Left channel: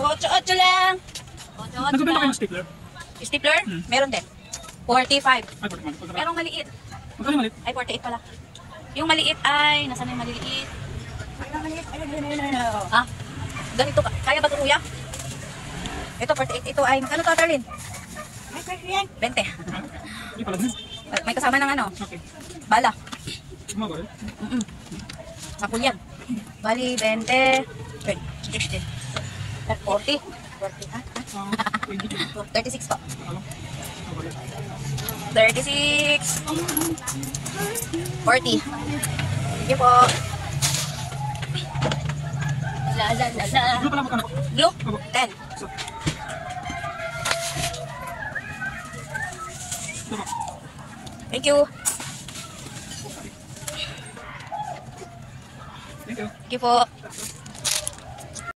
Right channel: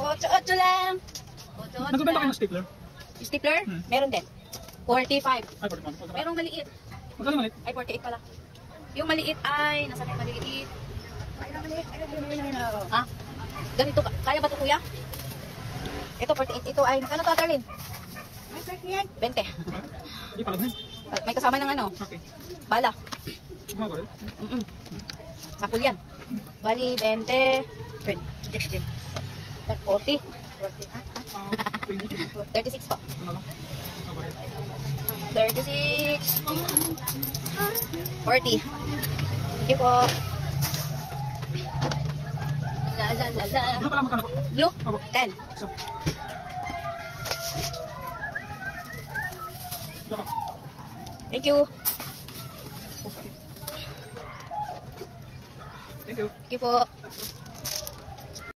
8 lang. 8 Nagbibenta kayo lang. ng stapler? Stapler? Meron din. 45. Ay, 45. Merong maliit. Magkano maliit? Ay, 48 pala. Yung maliit ay, nasa na yung maliliit? Ah, ganito ka. Kaya ba ito, kuya? Ito, 48. Ito ay, magkano to, Perlin? 20. Hindi pala din. May kasama ng ano? Okay. Bala. Kumagal. Sapul yan. Bali, 20. 60. 40. 36 po. 36. 40. Sige po. La la la la. Ano pala magkano? Blue? 10. So, Thank you. thank you. Thank you po.